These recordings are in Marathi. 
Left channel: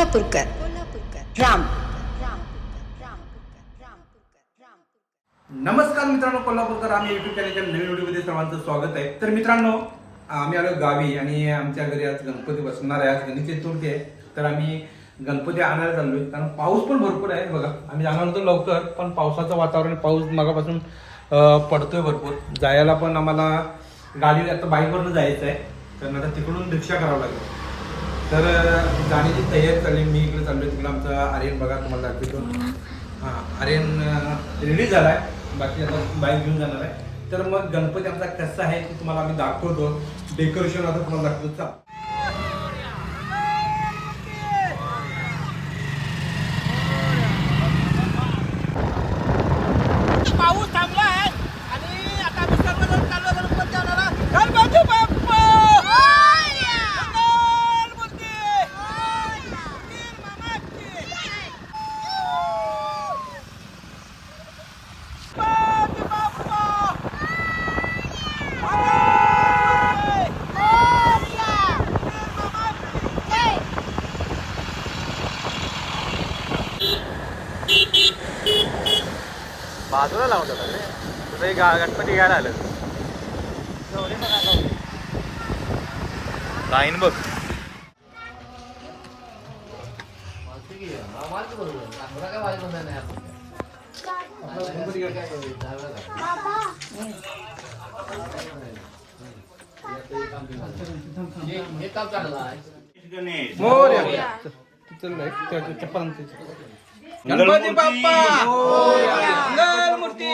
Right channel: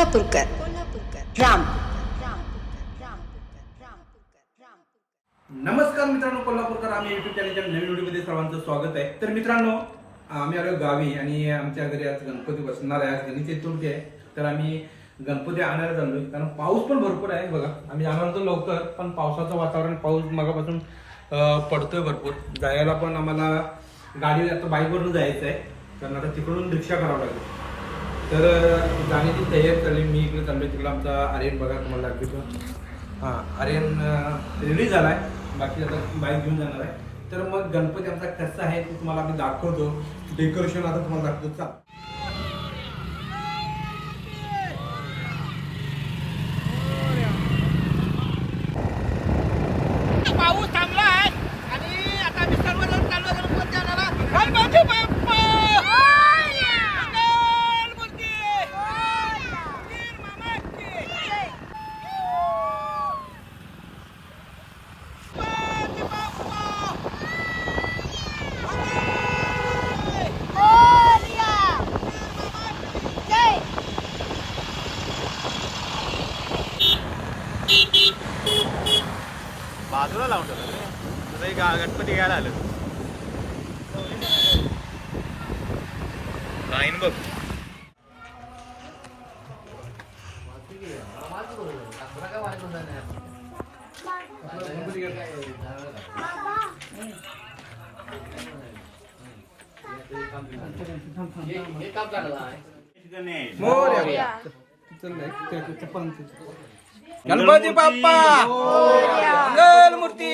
कोल्हापूरकर. कोल्हापूरकर राम. नमस्कार मित्रांनो कोल्हापूरकर आम्ही युट्यूब चॅनलच्या नवीन व्हिडिओमध्ये सर्वांचं स्वागत आहे. तर मित्रांनो आम्ही आलो गावी आणि आमच्या घरी आज गणपती बसणार आहे. आज गणेश चतुर्थी आहे. तर आम्ही गणपती आणायला चाललोय कारण पाऊस पण भरपूर आहे. बघा आम्ही जाणार होतो लवकर पण पावसाचं वातावरण पाऊस मगापासून पडतोय भरपूर. जायला पण आम्हाला गाडी आता बाईकवरून जायचं आहे कारण आता तिकडून रिक्षा करावं लागेल. तर गाण्याची जाण्याची तयारी चालली. मी इकडे चाललो तिकडे आमचा आर्यन बघा तुम्हाला दाखवतो. हां आर्यन रेडी आहे बाकी आता बाईक घेऊन जाणार आहे. तर मग गणपती आमचा कसा आहे ते तुम्हाला आम्ही दाखवतो. डेकोरेशन आता तुम्हाला दाखवतो. चला पाऊस थांबला आहे आणि आता आम्ही सर्वजण चाललो गणपती आणायला गणपती बाप्पा मंगलमूर्ती! वीर मामाची! गणपती बाप्पा! मंगल! वीर मामाची! लावून जातात रे तुझं एक गा- गणपती घ्यायला आलं लाईन बघ चप्पलांचं. गणपती बाप्पा! मंगलमूर्ती.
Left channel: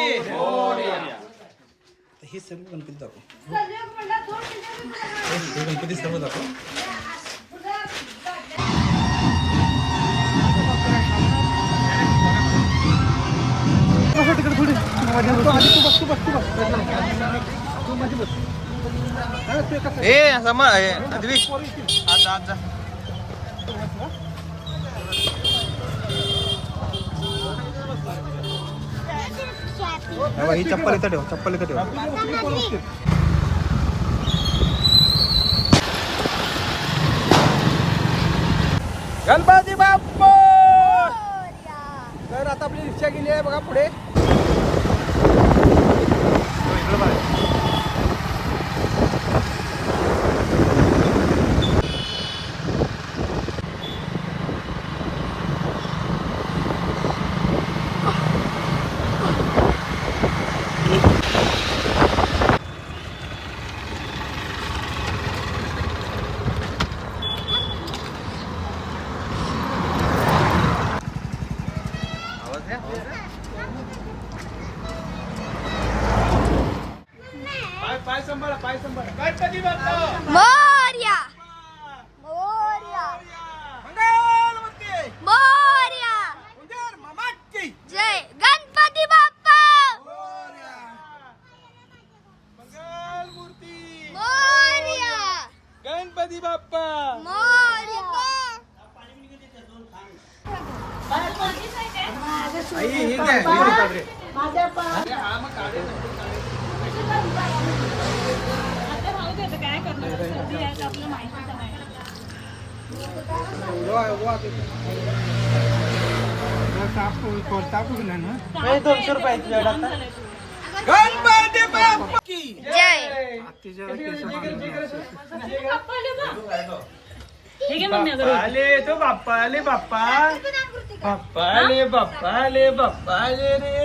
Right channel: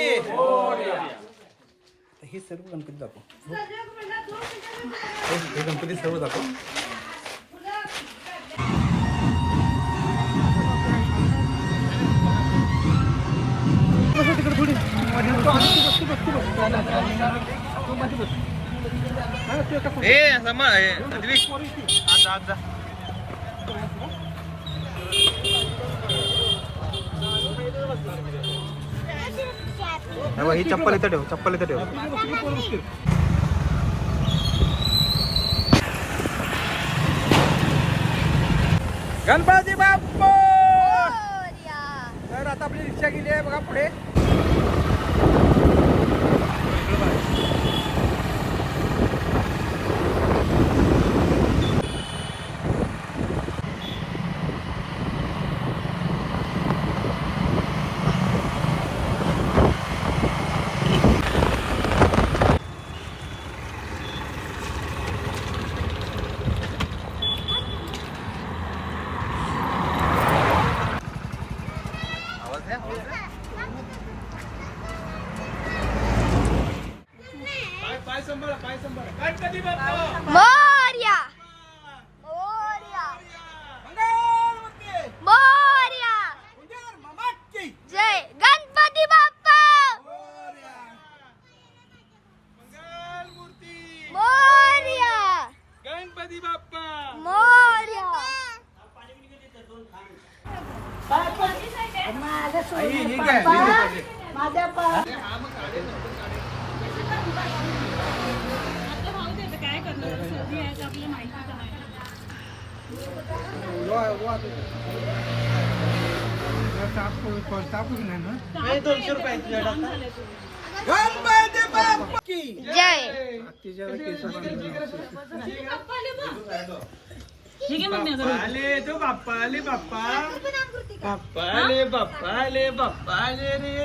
हे सर्व गणपती दाखव. हे गणपती सर्व दाखव. ए समा आज आज जा. ही चप्पल इथं ठेव चप्पल इथं ठेव गणपती बाप्पा तर आता आपली रिक्षा गेली आहे बघा पुढे आवाज द्या पाय पाय सांभाळा पाय सांभाळा गणपती बाप्पा मोर्या मोर्या मंगलमूर्ती मोर्या उंदीर मामाची जय गणपती बाप्पा मंगलमूर्ती मोर्या गणपती बाप्पा मोर्या आई, ही काय? ही काय? गणपती बाप्पा की जय आले तो बाप्पा आले बाप्पा बाप्पा आले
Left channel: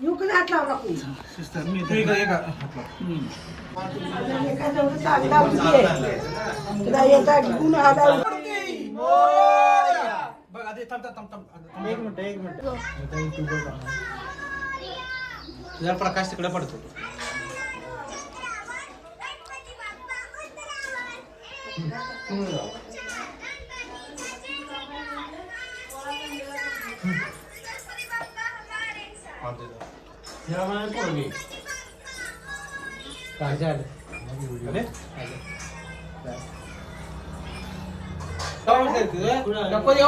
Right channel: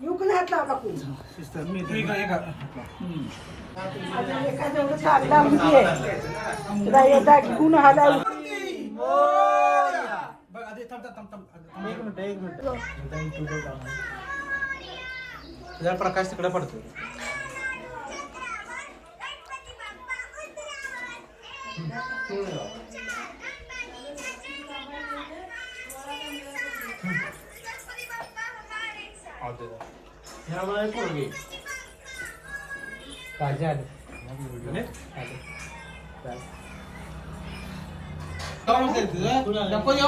आहे काय हात घेणार आहे नाही, नाही, तुला हात जाताना घे, मी जाताना घेणार भाऊ. मला काय आवडतं. नाही हे ट्रॅक्टर कसं गणपती बाप्पा मोर्या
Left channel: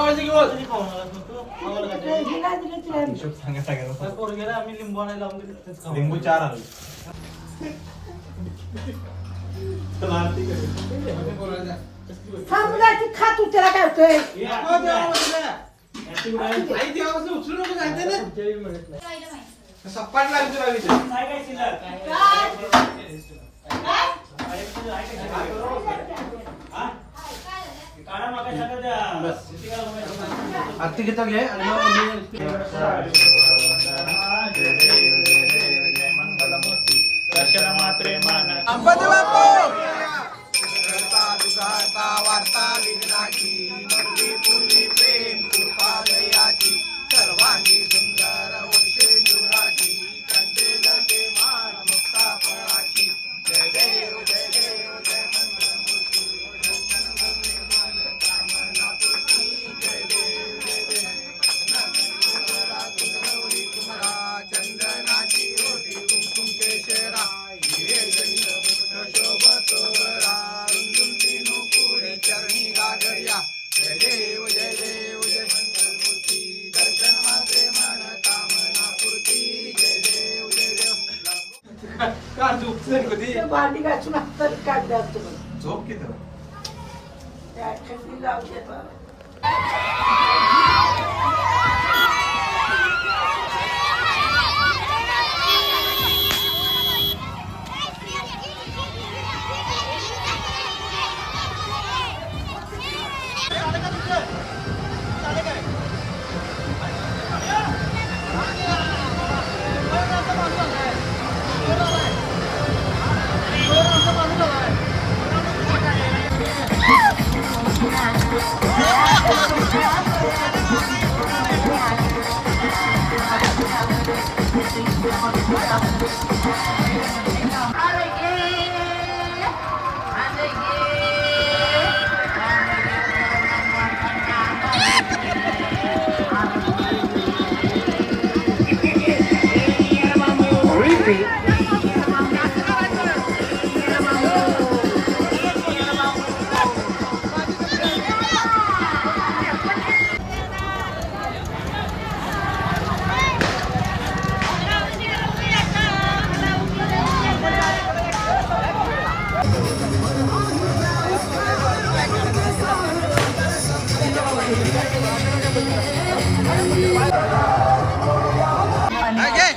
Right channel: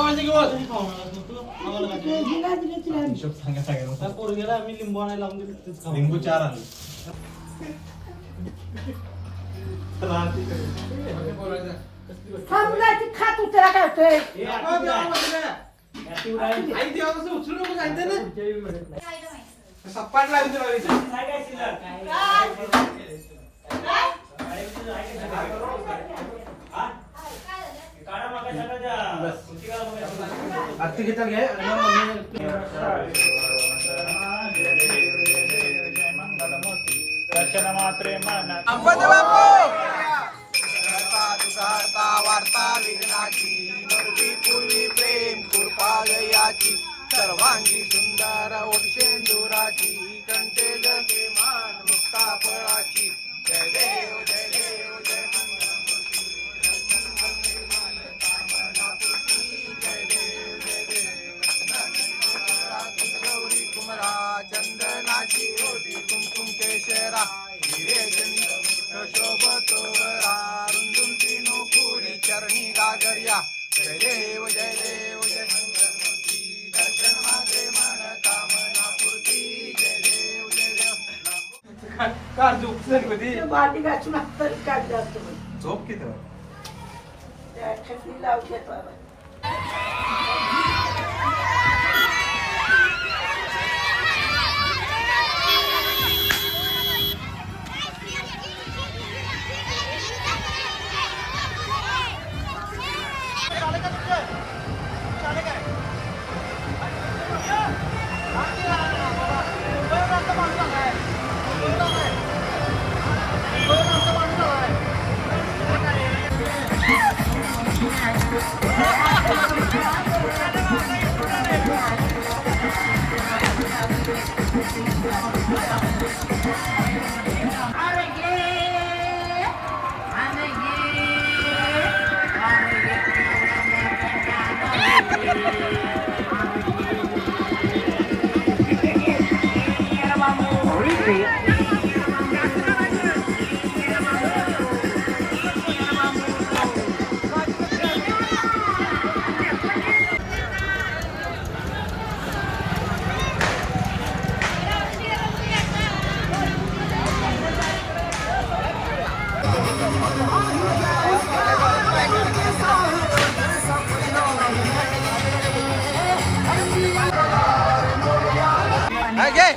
मूर्ती मोर्या गणपती बाप्पा मोर्या एक हातावर सिस्टर मी तू एक एक हात लाव. मूर्ती मोरया. बघ आधी थांब थांब थांब थांब एक मिनिट एक मिनिट जर प्रकाश तिकडे पडतो गणपती हा, ते जा. लिंबू चार आले त्याला काय होतंय सपाट आरती घेता घे आणि मग वार्ता विघ्नाची नरवी पूर्वी प्रेम कृपालयाची सर्वांगी सुंदर होती. शोभतो बरा रुंदून तीनो पुरी चरणी गागर्या. जय देव जय देव जय मंगलमूर्ती दर्शन मात्रे मन कामना पूर्ती जय देव जय देव. भांडी घासून हातात काढतात तुम्ही झोप किती त्या खंडी लावतात घे